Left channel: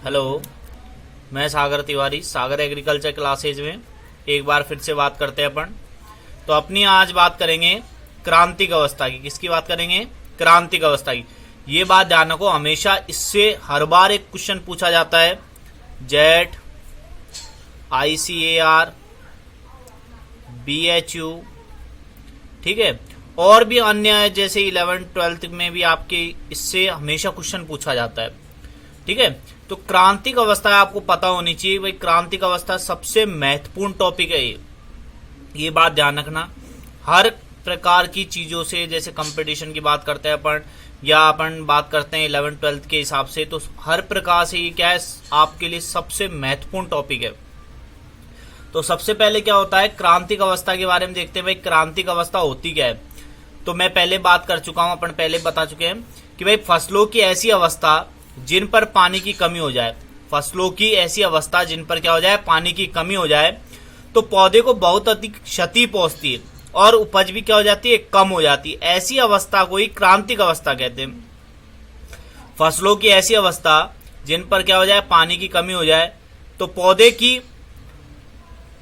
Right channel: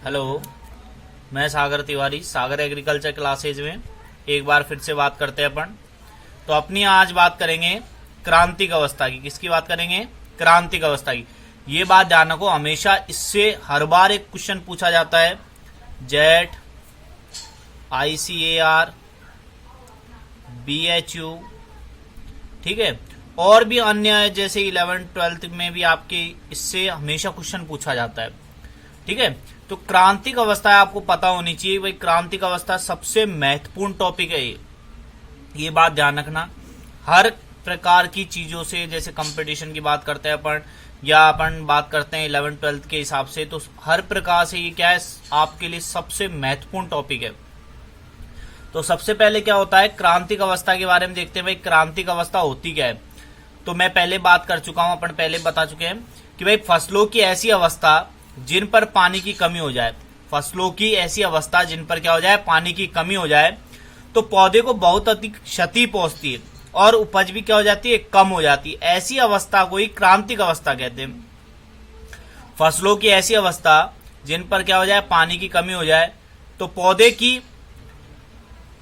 Hello, मैं सागर तिवारी, सागर agriculture classes में एक बार फिर से बात करते हैं अपन। तो अपनी आज बात करेंगे क्रांतिक अवस्था की। किसकी बात करेंगे? क्रांतिक अवस्था की। ये बात ध्यान रखो, हमेशा इससे हर बार एक क्वेश्चन पूछा जाता है। जेट, ICAR, BHU, ठीक है, और भी अन्य जैसे 11th 12th में भी आपके इससे हमेशा क्वेश्चन पूछा जाता है। ठीक है, तो क्रांतिक अवस्था आपको पता होनी चाहिए भाई। क्रांतिक अवस्था सबसे महत्वपूर्ण टॉपिक है ये बात ध्यान रखना। हर प्रकार की चीजों से, जैसे कंपटीशन की बात करते हैं अपन, या अपन बात करते हैं 11th 12th के हिसाब से, तो हर प्रकार से ये क्या है, आपके लिए सबसे महत्वपूर्ण टॉपिक है। तो सबसे पहले क्या होता है, क्रांतिक अवस्था के बारे में देखते हैं भाई। क्रांतिक अवस्था होती क्या है? तो मैं पहले बात कर चुका हूं, अपन पहले बता चुके हैं कि भाई फसलों की ऐसी अवस्था जिन पर पानी की कमी हो जाए। फसलों की ऐसी अवस्था जिन पर क्या हो जाए, पानी की कमी हो जाए, तो पौधे को बहुत अधिक क्षति पहुंचती है और उपज भी क्या हो जाती है, कम हो जाती है। ऐसी अवस्था को ही क्रांतिक अवस्था कहते हैं। फसलों की ऐसी अवस्था जिन पर क्या हो जाए, पानी की कमी हो जाए, तो पौधे की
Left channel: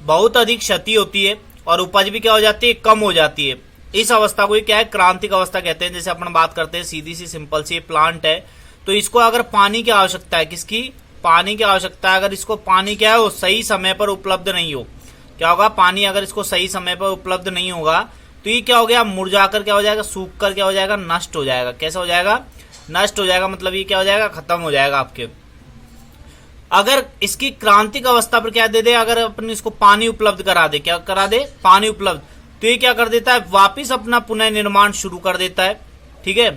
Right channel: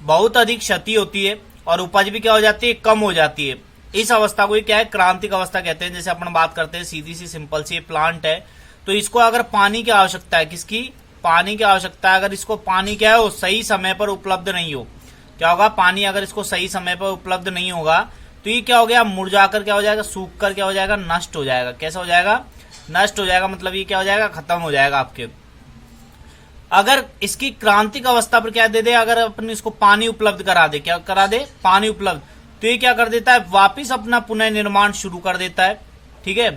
बहुत अधिक क्षति होती है और उपज भी क्या हो जाती है, कम हो जाती है। इस अवस्था को ही क्या है, क्रांतिक अवस्था कहते हैं। जैसे अपन बात करते हैं, सीधी सी सिंपल सी प्लांट है, तो इसको अगर पानी की आवश्यकता है, किसकी? पानी की आवश्यकता है। अगर इसको पानी क्या है, वो सही समय पर उपलब्ध नहीं हो, क्या होगा, पानी अगर इसको सही समय पर उपलब्ध नहीं होगा तो ये क्या हो गया, मुरझाकर क्या हो जाएगा, सूख कर क्या हो जाएगा, नष्ट हो जाएगा। कैसा हो जाएगा? नष्ट हो जाएगा, मतलब ये क्या हो जाएगा, खत्म हो जाएगा आपके। अगर इसकी क्रांतिक अवस्था पर क्या दे दे, अगर अपन इसको पानी उपलब्ध करा दे, क्या करा दे, पानी उपलब्ध, तो ये क्या कर देता है, वापिस अपना पुनः निर्माण शुरू कर देता है। ठीक है,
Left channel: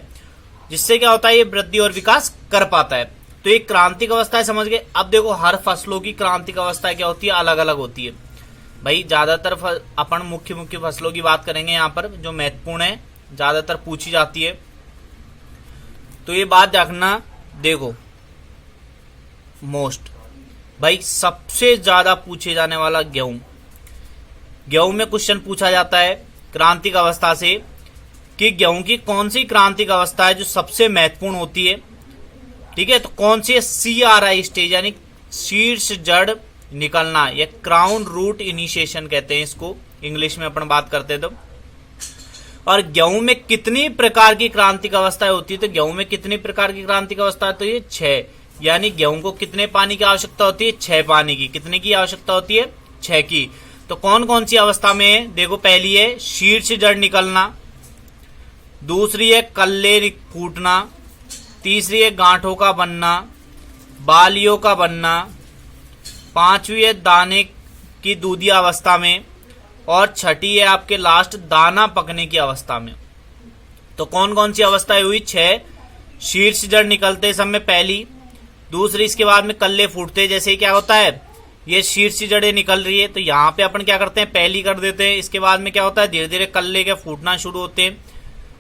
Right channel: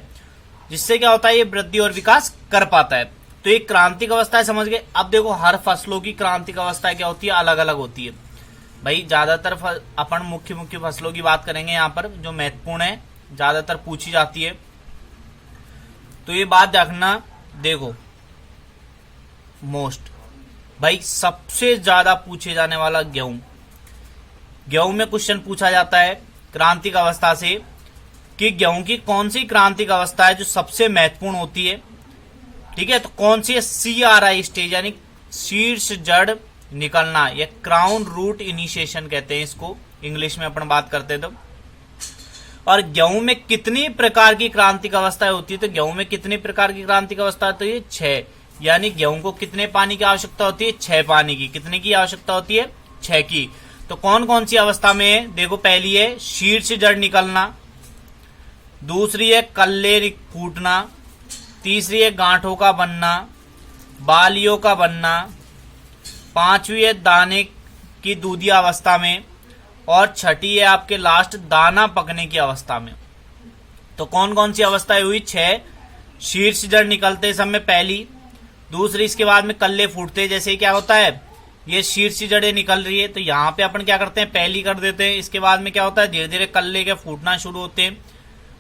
जिससे क्या होता है, ये वृद्धि और विकास कर पाता है। तो ये क्रांतिक अवस्था है, समझ गए। अब देखो, हर फसलों की क्रांतिक अवस्था क्या होती है, अलग अलग होती है भाई। ज्यादातर अपन मुख्य फसलों की बात करेंगे यहाँ पर, जो महत्वपूर्ण है, ज्यादातर पूछी जाती है। तो ये बात देखना, देखो मोस्ट भाई सबसे ज्यादा पूछे जाने वाला गेहूं। गेहूं में क्वेश्चन पूछा जाता है क्रांतिक अवस्था से कि गेहूं की कौन सी क्रांतिक अवस्था है जो सबसे महत्वपूर्ण होती है। ठीक है, तो कौन सी है? CRI स्टेज, यानी शीर्ष जड़ निकलना, या क्राउन रूट इनिशिएशन कहते हैं इसको, इंग्लिश में अपन बात करते हैं तो। और गेहूं में कितनी प्रकार की क्रांतिक अवस्थाएं होती है? तो गेहूं में कितनी प्रकार की क्रांतिक अवस्था है? तो ये 6, यानी गेहूं को कितने पानी की आवश्यकता होती है? 6 पानी की। कितने की आवश्यकता होती है? 6 की। तो कौन कौन सी अवस्था में है? देखो, पहली है शीर्ष जड़ निकलना, दूसरी है कल्ले फूटना, तीसरी है गांठों का बनना, बालियों का बनना, पांचवी है दाने की दूधिया अवस्था में, और छठी है आपके लास्ट दाना पकने की अवस्था में। तो कौन कौन सी अवस्थाएं हुई? 6। शीर्ष जड़ निकलते समय पहली, दूसरी इसके बाद में कल्ले फूटते, जैसे ही क्या होता है, ये शीर्ष जड़ें निकल रही है, तो यहाँ पे अपन क्या करते हैं, पहली कर देते हैं। इसके बाद में क्या होता है, धीरे धीरे कल्ले के फूटना शुरू होते हैं।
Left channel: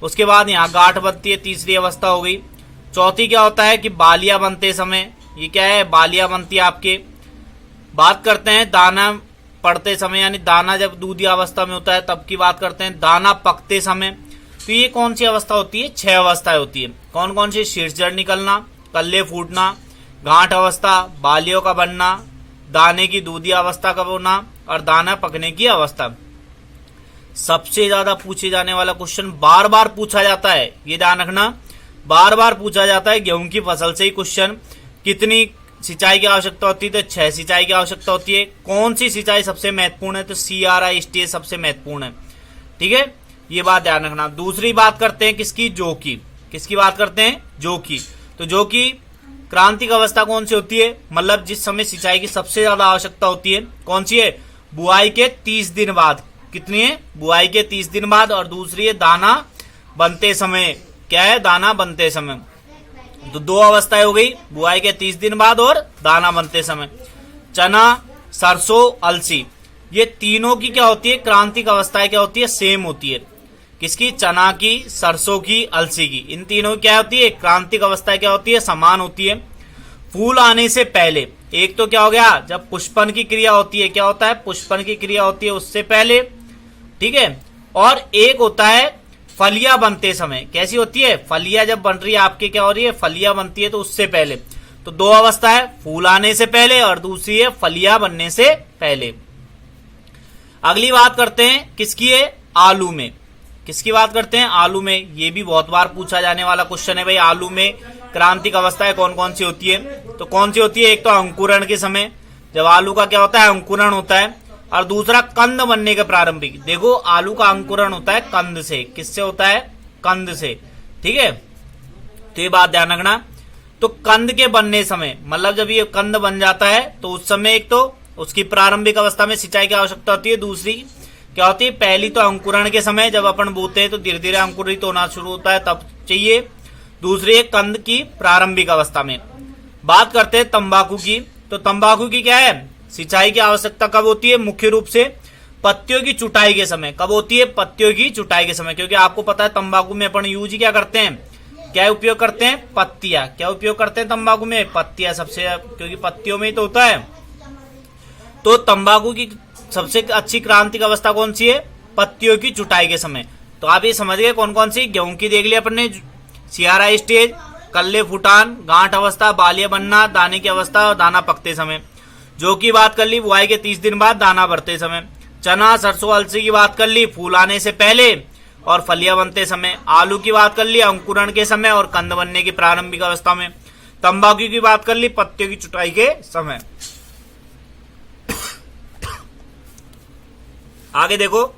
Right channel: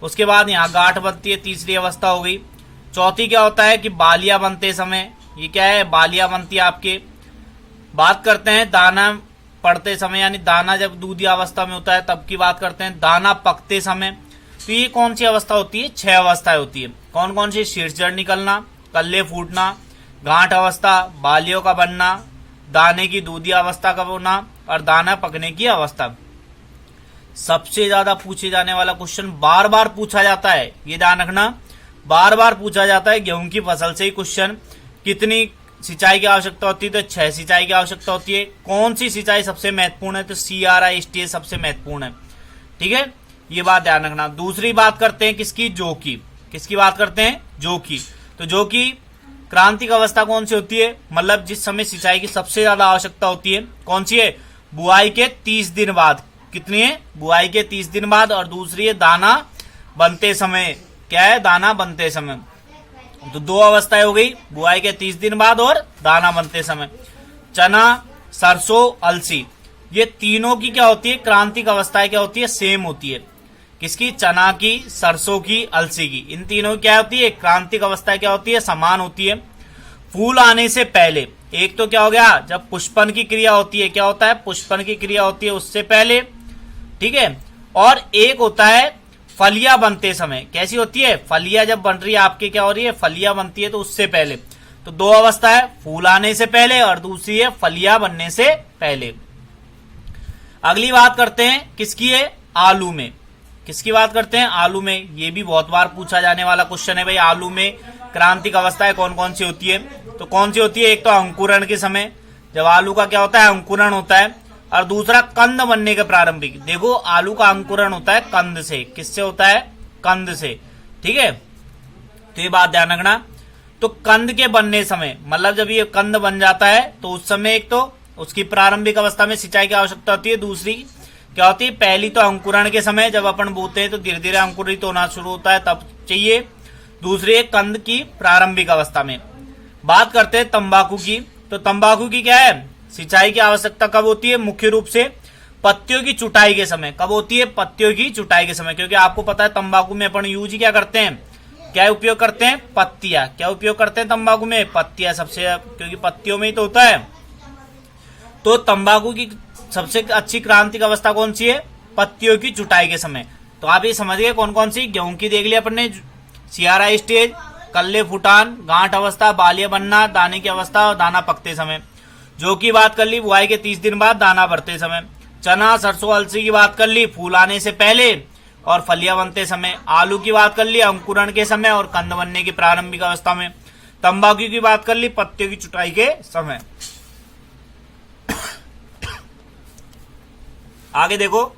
उसके बाद यहाँ गांठ बनती है, तीसरी अवस्था हो गई। चौथी क्या होता है कि बालियां बनते समय, ये क्या है, बालियां बनती है आपके। बात करते हैं दाना पड़ते समय, यानी दाना जब दूधिया अवस्था में होता है तब की बात करते हैं। दाना पकते समय, तो ये कौन सी अवस्था होती है? 6 अवस्थाएं होती है। कौन कौन सी? शीर्ष जड़ निकलना, कल्ले फूटना, गांठ अवस्था, बालियों का बनना, दाने की दूधिया अवस्था का होना, और दाना पकने की अवस्था। सबसे ज्यादा पूछे जाने वाला क्वेश्चन, बार बार पूछा जाता है, ये ध्यान रखना, बार बार पूछा जाता है गेहूं की फसल से ही क्वेश्चन। कितनी सिंचाई की आवश्यकता होती है? तो 6 सिंचाई की आवश्यकता होती है। कौन सी सिंचाई सबसे महत्वपूर्ण है? तो CRI स्टेज सबसे महत्वपूर्ण है। ठीक है, ये बात ध्यान रखना। दूसरी बात करते हैं किसकी? जौ की। किसकी बात करते हैं? जौ की। तो जौ की क्रांतिक अवस्था कौन सी होती है? मतलब जिस समय सिंचाई की सबसे ज्यादा आवश्यकता होती है, कौन सी है? बुआई के 30 दिन बाद। कितनी है? बुआई के 30 दिन बाद। और दूसरी है दाना बनते समय। क्या है? दाना बनते समय। तो 2 अवस्थाएं हो गई, बुआई के 30 दिन बाद और दाना बनते समय। चना, सरसों, अलसी, ये तीनों की क्या होती है, क्रांतिक अवस्थाएं क्या होती है? सेम होती है। किसकी? चना की, सरसों की, अलसी की। इन तीनों की क्या होती है? क्रांतिक अवस्था क्या होती है? समान होती है। फूल आने से पहले, एक तो क्या हो गया, जब पुष्पन की क्रिया होती है, क्या होता है? पुष्पन की क्रिया होती है उससे पहले। ठीक है, और एक होता है फलियां बनते समय। कैसी होती है? फलियां जब बन रही है आपके, क्या हो रही है? फलियां बनती है, तो उससे पहले। तो दो अवस्था है, फूल आने से पहले और दूसरी है फलियां बनने से पहले। अगली बात करते हैं किसकी है, आलू में। किसकी बात करते हैं, आलू में। ये भी बहुत बार पूछा जाने वाला क्वेश्चन है भाई, आलू में क्रांतिक अवस्थाएं कौन कौन सी होती है। तो कौन सी होती है, एक तो अंकुरण के समय, जब आलू का क्या होता है, अंकुरण होता है, और दूसरा कंद बनने के प्रारंभिक। देखो आलू का अंकुरण होता है कंद से, किससे होता है, कंद से, ठीक है। तो ये बात ध्यान रखना। तो कंद के बनने समय, मतलब जब ये कंद बन जाता है तो उस समय एक तो उसकी प्रारंभिक अवस्था में सिंचाई की आवश्यकता होती है, दूसरी क्या होती है, पहली तो अंकुरण के समय, जब अपन बोते हैं तो धीरे धीरे अंकुरित होना शुरू होता है तब चाहिए, दूसरी है कंद की प्रारंभिक अवस्था में। बात करते हैं तंबाकू की। तो तंबाकू की क्या है, सिंचाई की आवश्यकता कब होती है, मुख्य रूप से पत्तियों की चुटाई के समय। कब होती है, पत्तियों की चुटाई के समय, क्योंकि आपको पता है तंबाकू में अपन यूज क्या करते हैं, क्या उपयोग करते हैं, पत्तियां। क्या उपयोग करते हैं तंबाकू में, पत्तियां सबसे, क्योंकि पत्तियों में ही तो होता है। तो तंबाकू की सबसे अच्छी क्रांतिक अवस्था कौन सी है, पत्तियों की चुटाई के समय। तो आप ये समझ गए कौन कौन सी। गेहूं की देख लिया अपन ने, सियारा स्टेज, कल्ले फुटान, गांठ अवस्था, बालिया बनना, दाने की अवस्था और दाना पकते समय। जौ की बात कर ली, बुआई के 30 दिन बाद, दाना भरते समय। चना, सरसों, अलसी की बात कर ली, फूल आने से पहले और फलियां बनते समय। आलू की बात कर ली, अंकुरण के समय और कंद बनने की प्रारंभिक अवस्था में। तंबाकू की बात कर ली, पत्तियों की चुटाई के समय। आगे देखो,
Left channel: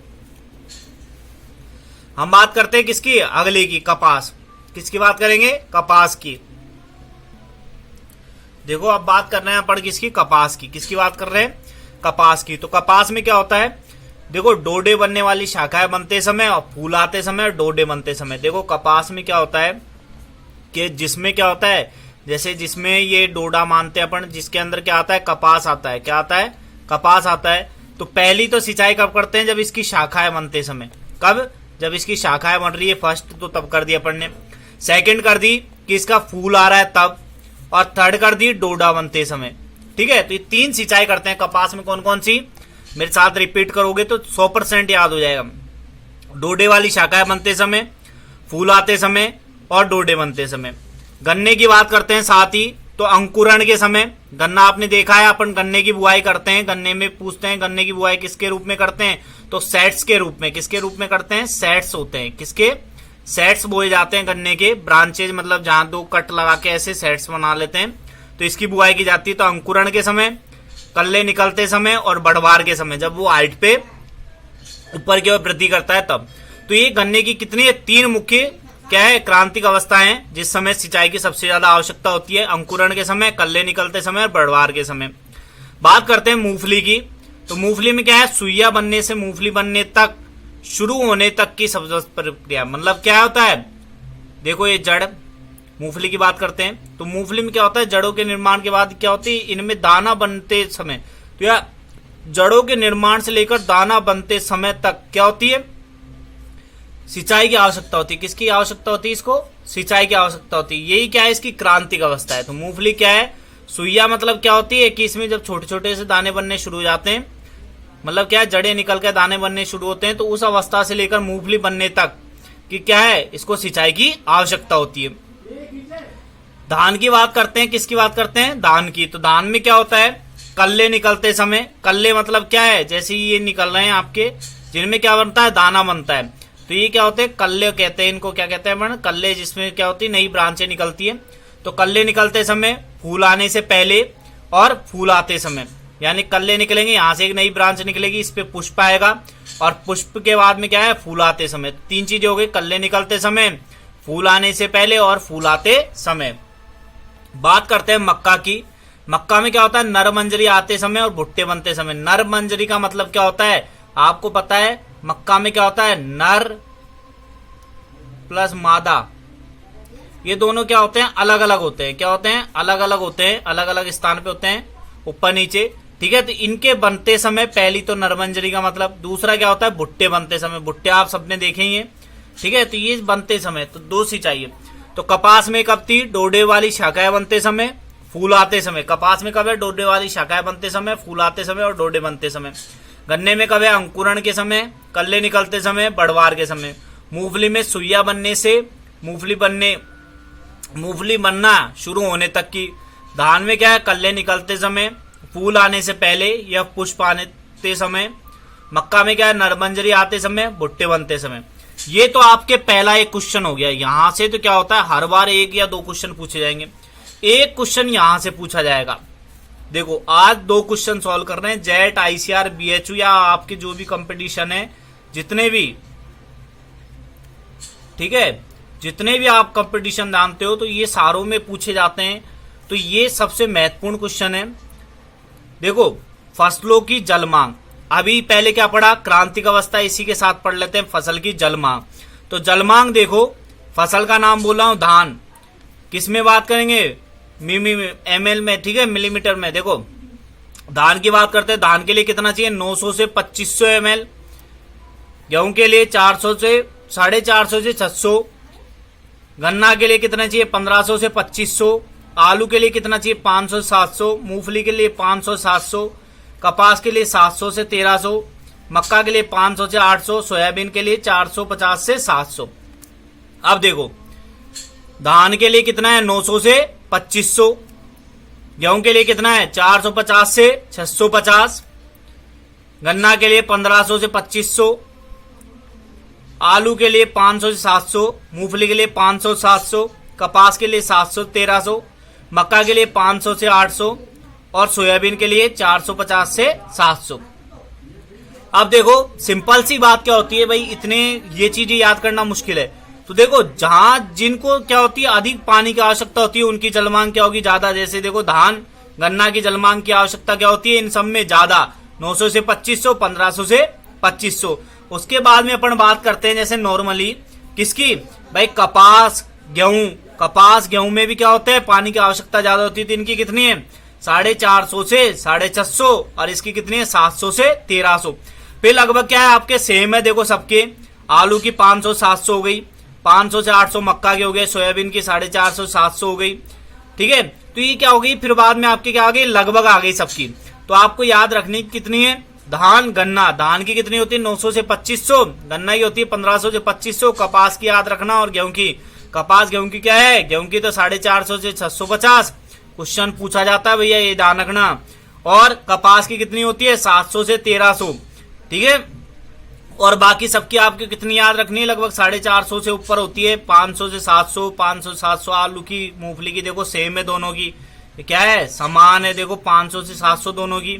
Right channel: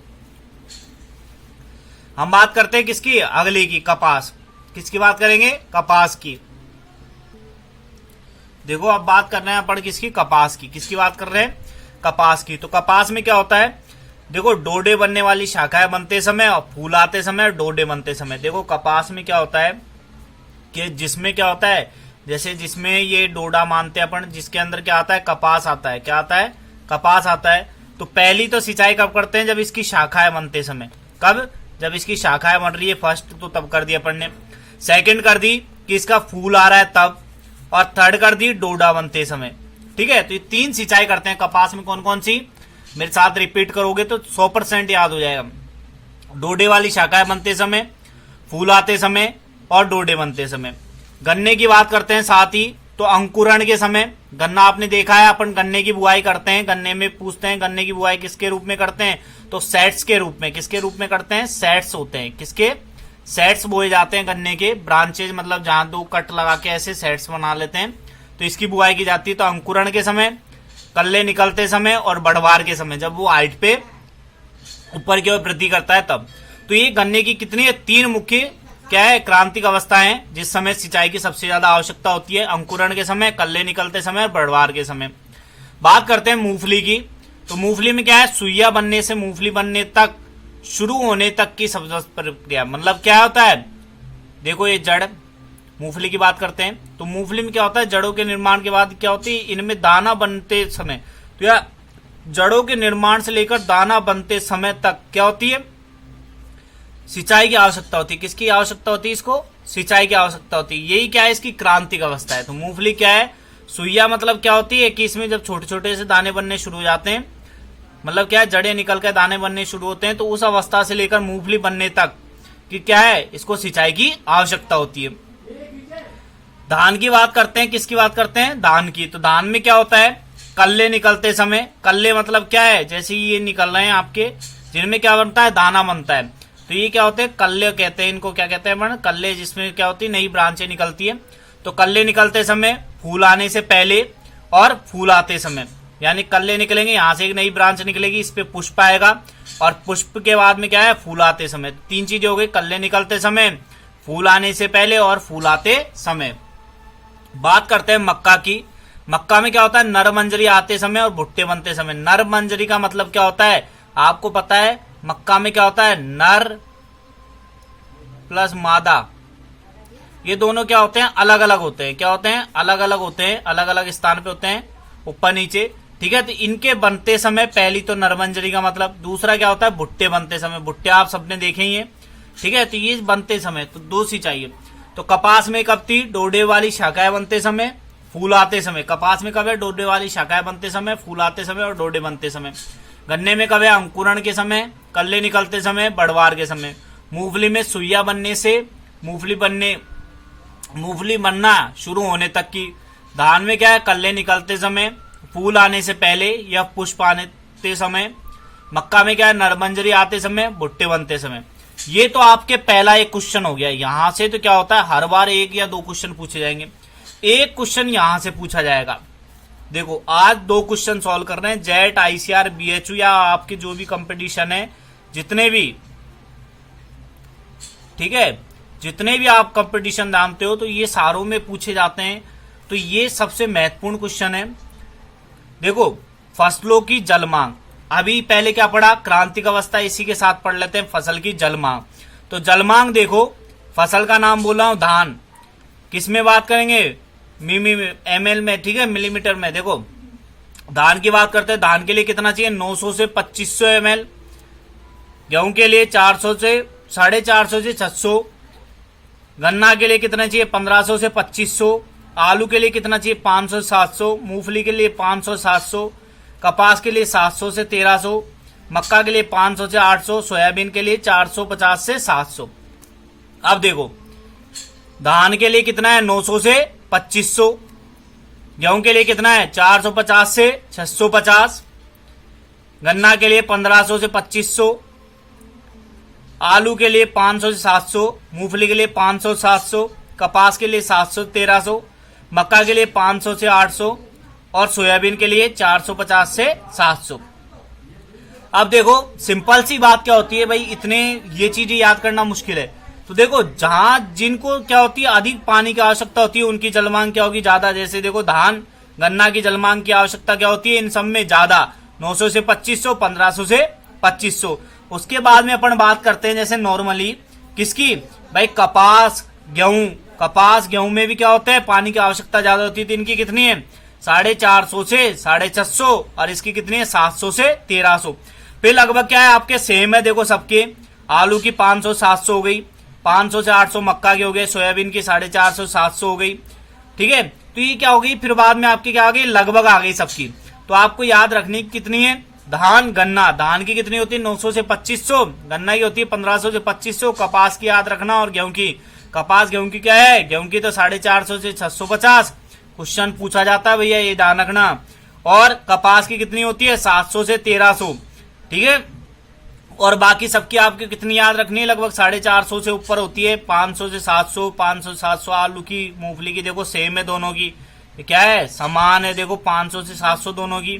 हम बात करते हैं किसकी, अगले की, कपास। किसकी बात करेंगे, कपास की। देखो अब बात कर रहे हैं अपन किसकी, कपास की। किसकी बात कर रहे हैं, कपास की। तो कपास में क्या होता है, देखो डोडे बनने वाली शाखाएं बनते समय और फूल आते समय, डोडे बनते समय। देखो कपास में क्या होता है कि जिसमें क्या होता है, जैसे जिसमें ये डोडा मानते हैं अपन, जिसके अंदर क्या आता है, कपास आता है। क्या आता है, कपास आता है। तो पहली तो सिंचाई कब करते हैं, जब इसकी शाखाएं बनते समय। कब, जब इसकी शाखाएं बन रही है फर्स्ट, तो तब कर दिया अपन ने। सेकंड कर दी कि इसका फूल आ रहा है तब, और थर्ड कर दी डोडा बनते समय, ठीक है। तो ये 3 सिंचाई करते हैं कपास में। कौन कौन सी, मेरे साथ रिपीट करोगे तो 100% याद हो जाएगा। डोडे वाली शाखाएं बनते समय, फूल आते समय और डोडे बनते समय। गन्ने की बात करते हैं साथ ही, तो अंकुरण के समय। गन्ना आपने देखा है, अपन गन्ने की बुआई करते हैं, गन्ने में पूछते हैं गन्ने की बुआई किसके रूप में करते हैं, तो सेट्स के रूप में। किसके रूप में करते हैं, सेट्स होते हैं। किसके, सेट्स बोए जाते हैं गन्ने के, ब्रांचेज, मतलब जहां 2 कट लगा के ऐसे सेट्स बना लेते हैं, तो इसकी बुआई की जाती है। तो अंकुरण के समय, कल्ले निकलते समय और बढ़वार के समय, जब वो हाइट पे ऊपर की ओर वृद्धि करता है तब। तो ये गन्ने की कितनी है, 3 मुख्य क्या है, क्रांतिक अवस्थाएं हैं जिस समय सिंचाई की सबसे ज्यादा आवश्यकता होती है। अंकुरण के समय, कल्ले निकलते समय और बढ़वार के समय। बात करते हैं मूंगफली की। तो मूंगफली में क्या है, सुइया बनने से मूंगफली बनने तक, शुरू होने तक की सब प्रक्रिया, मतलब क्या होता है, देखो ये जड़, मूंगफली की बात करते हैं। तो मूंगफली में क्या होता है, जड़ों के निर्माण के बाद क्या होती है, इनमें दाना बनते समय, तो या जड़ों के निर्माण से लेकर दाना बनते समय तक क्या होती है, सिंचाई की आवश्यकता होती है। किसकी आवश्यकता होती है, इसको सिंचाई की आवश्यकता होती है। यही क्या है, इसकी क्रांतिक अवस्था है। तो मूंगफली क्या है, सुइया मतलब क्या होती है कि इसमें जब छोटे छोटे से दाने बनने शुरू हो जाते हैं, मतलब क्या है, जड़ें निकल कर दाने बनने शुरू होते हैं, तो उस अवस्था से लेकर मूंगफली बनने तक कि क्या है, इसको सिंचाई की आवश्यकता होती है। धान की बात करते हैं, किसकी बात करते हैं, धान की। तो धान में क्या होता है, कल्ले निकलते समय, कल्ले मतलब क्या है, जैसे ये निकल रहे हैं आपके, जिनमें क्या बनता है, दाना बनता है। तो ये क्या होते हैं, कल्ले कहते हैं इनको। क्या कहते हैं, कल्ले, जिसमें क्या होती है, नई ब्रांचें निकलती है। तो कल्ले निकलते समय, फूल आने से पहले और फूल आते समय, यानी कल्ले निकलेंगे, यहां से एक नई ब्रांच निकलेगी, इस पे पुष्प आएगा, और पुष्प के बाद में क्या है, फूल आते समय। 3 चीजें हो गई, कल्ले निकलते समय, फूल आने से पहले और फूल आते समय। बात करते हैं मक्का की। मक्का में क्या होता है, नर मंजरी आते समय और भुट्टे बनते समय। नर मंजरी का मतलब क्या होता है, आपको पता है, मक्का में क्या होता है, नर प्लस मादा, ये दोनों क्या होते हैं, अलग अलग होते हैं। क्या होते हैं, अलग अलग होते हैं, अलग अलग स्थान पे होते हैं, ऊपर नीचे, ठीक है। तो इनके बनते समय, पहली तो नरमंजरी का मतलब, दूसरा क्या होता है, भुट्टे बनते समय। भुट्टे आप सबने देखे ही है, ठीक है। तो ये बनते समय, तो 2 सी चाहिए। तो कपास में कब थी, डोडे वाली शाखाएं बनते समय, फूल आते समय। कपास में कब है, डोडे वाली शाखाएं बनते समय, फूल आते समय और डोडे बनते समय। गन्ने में कब है, अंकुरण के समय, कल्ले निकलते समय, बढ़वार के समय। मूंगफली में सुइया बनने से मूंगफली बनना शुरू होने तक की धान में क्या है, कल्ले निकलते समय, फूल आने से पहले या पुष्प आने समय। मक्का में क्या है, नरमंजरी आते समय, भुट्टे बनते समय। ये तो आपके पहला एक क्वेश्चन हो गया। यहां से तो क्या होता है, हर बार एक या दो क्वेश्चन पूछे जाएंगे। एक क्वेश्चन यहां से पूछा जाएगा। देखो आज दो क्वेश्चन सॉल्व कर रहे हैं। जेट, आईसीआर, बीएचयू या आपके जो भी कंपटीशन है, जितने भी, ठीक है, जितने भी आप कंपटीशन जानते हो, तो ये सारों में पूछे जाते हैं। तो ये सबसे महत्वपूर्ण क्वेश्चन है। देखो फसलों की जल मांग, अभी पहले क्या पढ़ा, क्रांतिक अवस्था, इसी के साथ पढ़ लेते हैं फसल की जल मांग। तो जल मांग देखो, फसल का नाम बोला हूं धान, किस में बात करेंगे, एमएल में, ठीक है, मिलीमीटर में। देखो धान की बात करते हैं, धान के लिए कितना चाहिए, 900 से 2500 एमएल। गेहूं के लिए 400 से 450 से 600। गन्ना के लिए कितना चाहिए, 1500 से 2500। आलू के लिए कितना चाहिए, 500 से 700। मूंगफली के लिए 500 से 700। कपास के लिए 700 से 1300। मक्का के लिए 500 से 800। सोयाबीन के लिए 450 से 700। अब देखो धान के लिए कितना है, 900 से 2500। गेहूं के लिए कितना है, 450 से 650। गन्ना के लिए 1500 से 2500। आलू के लिए 500 से 700। मूंगफली के लिए 500 से 700। कपास के लिए 700 से 1300। मक्का के लिए 500 से 800 और सोयाबीन के लिए 450 से 700। अब देखो सिंपल सी बात क्या होती है भाई, इतने ये चीजें याद करना मुश्किल है। तो देखो जहां जिनको क्या होती है, अधिक पानी की आवश्यकता होती है, उनकी जलमांग क्या होगी, ज्यादा। जैसे देखो धान, गन्ना की जलमांग की आवश्यकता क्या होती है, इन सब में ज्यादा, 900 से 2500, 1500 से 2500। उसके बाद में अपन बात करते हैं जैसे नॉर्मली किसकी, भाई कपास, गेहूं। कपास गेहूं में भी क्या होता है, पानी की आवश्यकता ज्यादा होती है। तो इनकी कितनी है, 450 से 650 और इसकी कितनी है, 700 से 1300। फिर लगभग क्या है आपके सेम है, देखो सबके। आलू की 500 700 हो गई, 500 से 800 मक्का की हो गई, सोयाबीन की 450 700 हो गई, ठीक है। तो ये क्या हो गई, फिर बाद में आपकी क्या आ गई, लगभग आ गई सबकी। तो आपको याद रखनी कितनी है, धान गन्ना, धान की कितनी होती है, 900 से 2500। गन्ना की होती है 1500 से 2500। कपास की याद रखना, और गेहूं की, कपास गेहूं की क्या है, गेहूं की तो 450 से 650। क्वेश्चन पूछा जाता है भैया, ये ध्यान रखना। और कपास की कितनी होती है, 700 से 1300, ठीक है। और बाकी सबकी आपकी कितनी याद रखनी है, लगभग 450 से ऊपर होती है, 500 से 700, 500 से 700। आलू की, मूंगफली की देखो सेम है दोनों की, ये क्या है, समान है। देखो 500 से 700 दोनों की,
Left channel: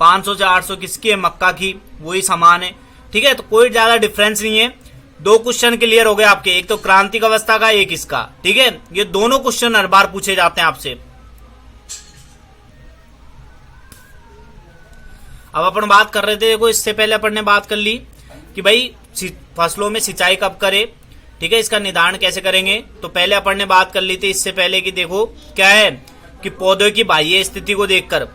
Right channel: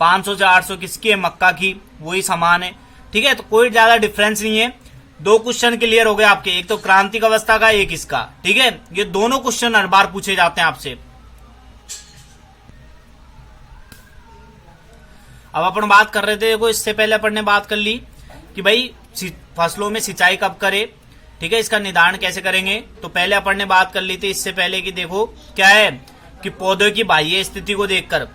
500 से 800 किसकी है, मक्का की, वही समान है, ठीक है। तो कोई ज्यादा डिफरेंस नहीं है। दो क्वेश्चन क्लियर हो गए आपके, एक तो क्रांतिक अवस्था का, एक इसका, ठीक है। ये दोनों क्वेश्चन हर बार पूछे जाते हैं आपसे। अब अपन बात कर रहे थे, देखो इससे पहले अपन ने बात कर ली कि भाई फसलों में सिंचाई कब करे, ठीक है, इसका निर्धारण कैसे करेंगे। तो पहले अपन ने बात कर ली थी इससे पहले कि देखो क्या है, कि पौधों की बाह्य स्थिति को देखकर,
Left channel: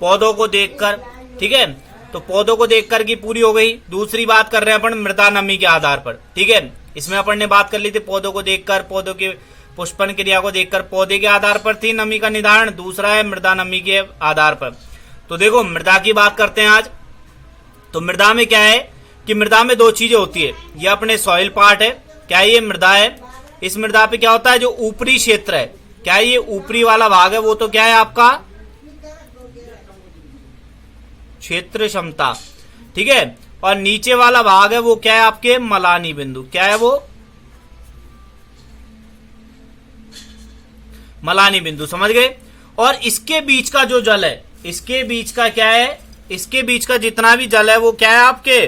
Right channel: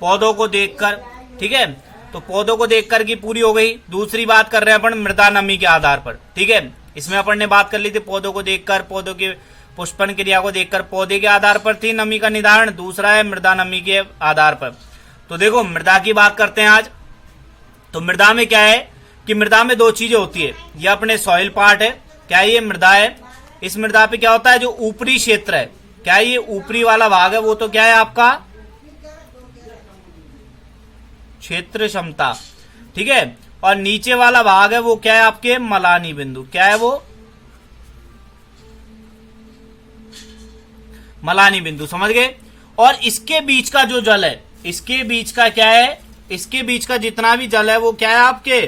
पौधों को देखकर, ठीक है। तो पौधों को देखकर की पूरी हो गई। दूसरी बात कर रहे हैं अपन मृदा नमी के आधार पर, ठीक है। इसमें अपन ने बात कर ली थी पौधों को देखकर, पौधों के पुष्पन क्रिया को देखकर, पौधे के आधार पर थी नमी का निर्धारण। दूसरा है मृदा नमी के आधार पर। तो देखो मृदा की बात करते हैं आज। तो मृदा में क्या है कि मृदा में दो चीजें होती है, ये अपने सॉइल पार्ट है, क्या ये मृदा है। इस मृदा पे क्या होता है, जो ऊपरी क्षेत्र है, क्या ये ऊपरी वाला भाग है, वो तो क्या है आपका क्षेत्र क्षमता, ठीक है। और नीचे वाला भाग है वो क्या है आपके मलानी बिंदु, क्या है वो मलानी बिंदु, समझ गए। और इसके बीच का जो जल है, इसके बीच का क्या है, इसके बीच का जितना भी जल है वो क्या है आपके,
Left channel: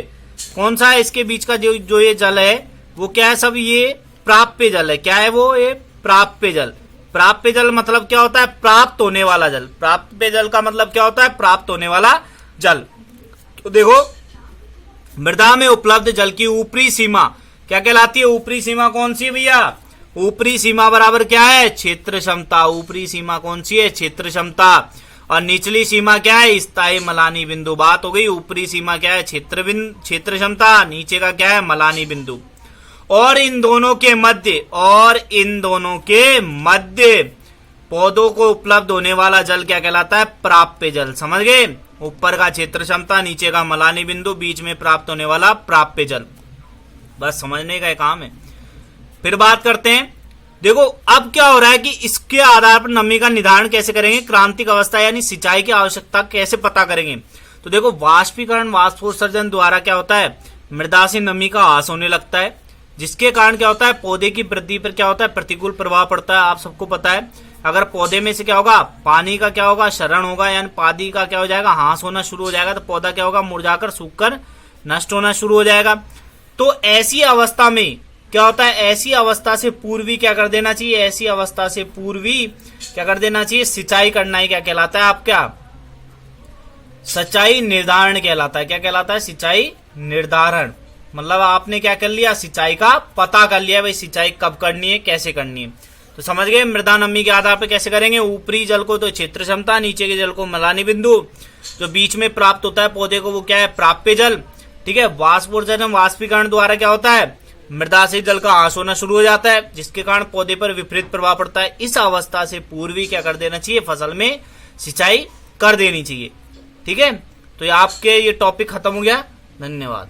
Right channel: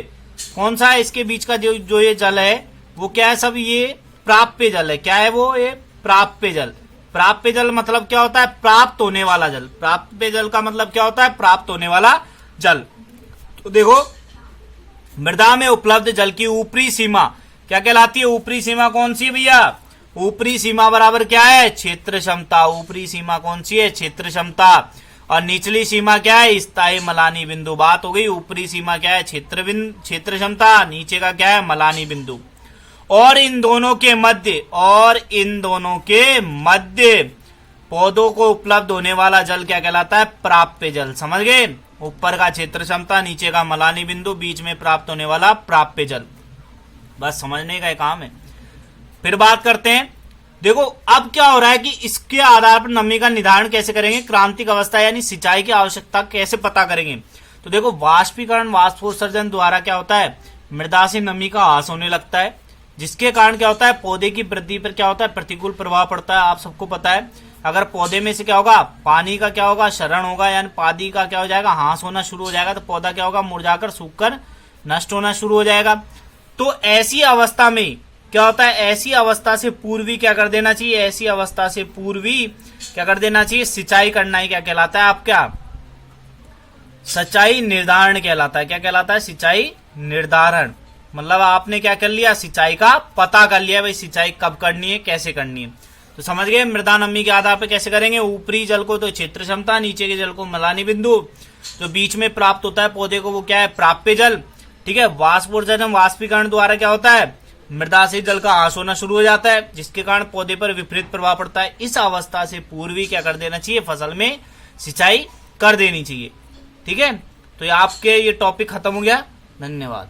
कौन सा है, इसके बीच का जो ये जल है वो क्या है, सब ये प्राप्य जल है। क्या है वो, ये प्राप्य जल। प्राप्य जल मतलब क्या होता है, प्राप्त होने वाला जल। प्राप्य जल का मतलब क्या होता है, प्राप्त होने वाला जल। तो देखो मृदा में उपलब्ध जल की ऊपरी सीमा क्या कहलाती है, ऊपरी सीमा कौन सी है भैया, ऊपरी सीमा बराबर क्या है, क्षेत्र क्षमता। ऊपरी सीमा कौन सी है, क्षेत्र क्षमता। और निचली सीमा क्या है, स्थायी मलानी बिंदु। बात हो गई, ऊपरी सीमा क्या है, क्षेत्र क्षमता, नीचे का क्या है, मलानी बिंदु। और इन दोनों के मध्य पौधों को उपलब्ध होने वाला जल क्या कहलाता है, प्राप्य जल। समझ गए, ऊपर का क्षेत्र क्षमता, नीचे का मलानी बिंदु, बीच में प्राप्त होने वाला प्राप्य जल। बस समझने का काम है। फिर बात करते हैं, देखो अब क्या हो रहा है कि इसके आधार पर नमी का निर्धारण कैसे करेंगे, क्रांतिक अवस्था यानी सिंचाई की आवश्यकता कैसे पता करेंगे। तो देखो वाष्पीकरण वाष्पोत्सर्जन द्वारा क्या होता है, मृदा से नमी का ह्रास होने लगता है, जिसके कारण क्या होता है, पौधे की वृद्धि पर क्या होता है, प्रतिकूल प्रभाव पड़ता है। आप सबको पता है, अगर पौधे में से क्या होगा, पानी का क्या होगा, क्षरण होगा, यानी पानी का क्या हो जाएगा, ह्रास होना शुरू हो जाएगा, तो पौधा क्या होगा, मुरझाकर सूखकर नष्ट होना शुरू हो जाएगा। तो ऐसी अवस्था में क्या होता है, ऐसी अवस्था से पूर्वी क्या कर देना चाहिए, ऐसी अवस्था से पूर्वी क्या कर देना चाहिए, सिंचाई करना ही क्या कहलाता है, आपका सिंचाई निर्धारण कहलाता है। क्या कहलाता है, सिंचाई निर्धारण। मतलब आपने क्या कर लिया, सिंचाई का पता कर लिया, भाई सिंचाई कब करनी है, कैसे करनी है। तो समझ गए, मृदा नमी के आधार पर कैसे करेंगे, ऊपरी जल को तो क्षेत्र क्षमता, नीचे के जल को मलानी बिंदु, जो बीच में प्राप्त होता है पौधे को वो क्या है, प्राप्य जल। ठीक है, वाष्पोत्सर्जन वाष्पीकरण द्वारा क्या होता है, मृदा से जल का ह्रास होना शुरू हो जाता है, जिसके कारण पौधे पर विपरीत प्रभाव पड़ता है। इस अवस्था से पूर्वी क्या कर देना चाहिए, फसल में सिंचाई कर देनी चाहिए। ठीक है, तो ये आपके ये टॉपिक खत्म हो गया। धन्यवाद।